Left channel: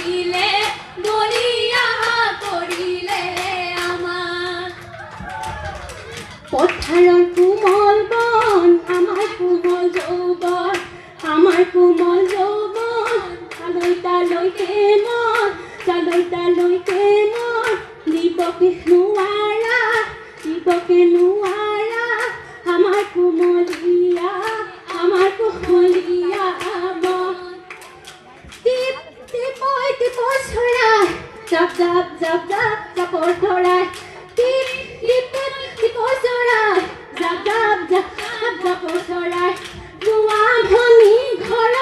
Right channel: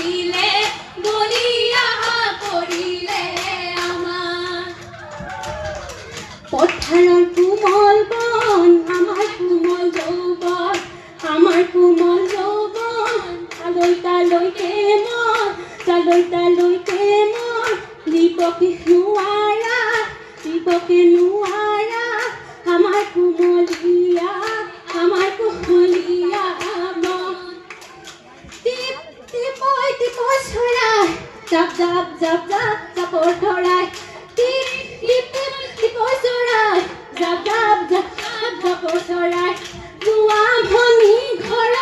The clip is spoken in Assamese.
দিলে বলিয়া কৰিলে আমাৰ পথাৰৰ কোমল বন আমাৰ কোমল যৌৱন আমাৰ কোমল যৌৱন তালৈকে মন দিবকে নোৱাৰা আমাৰ কোমলীয়া মন টিপ চৰাই জাপ জাপৰ ধৰাই টিপ চৰাই জাপ জাপৰ চৰাই গোৱা ভনী ঘৰ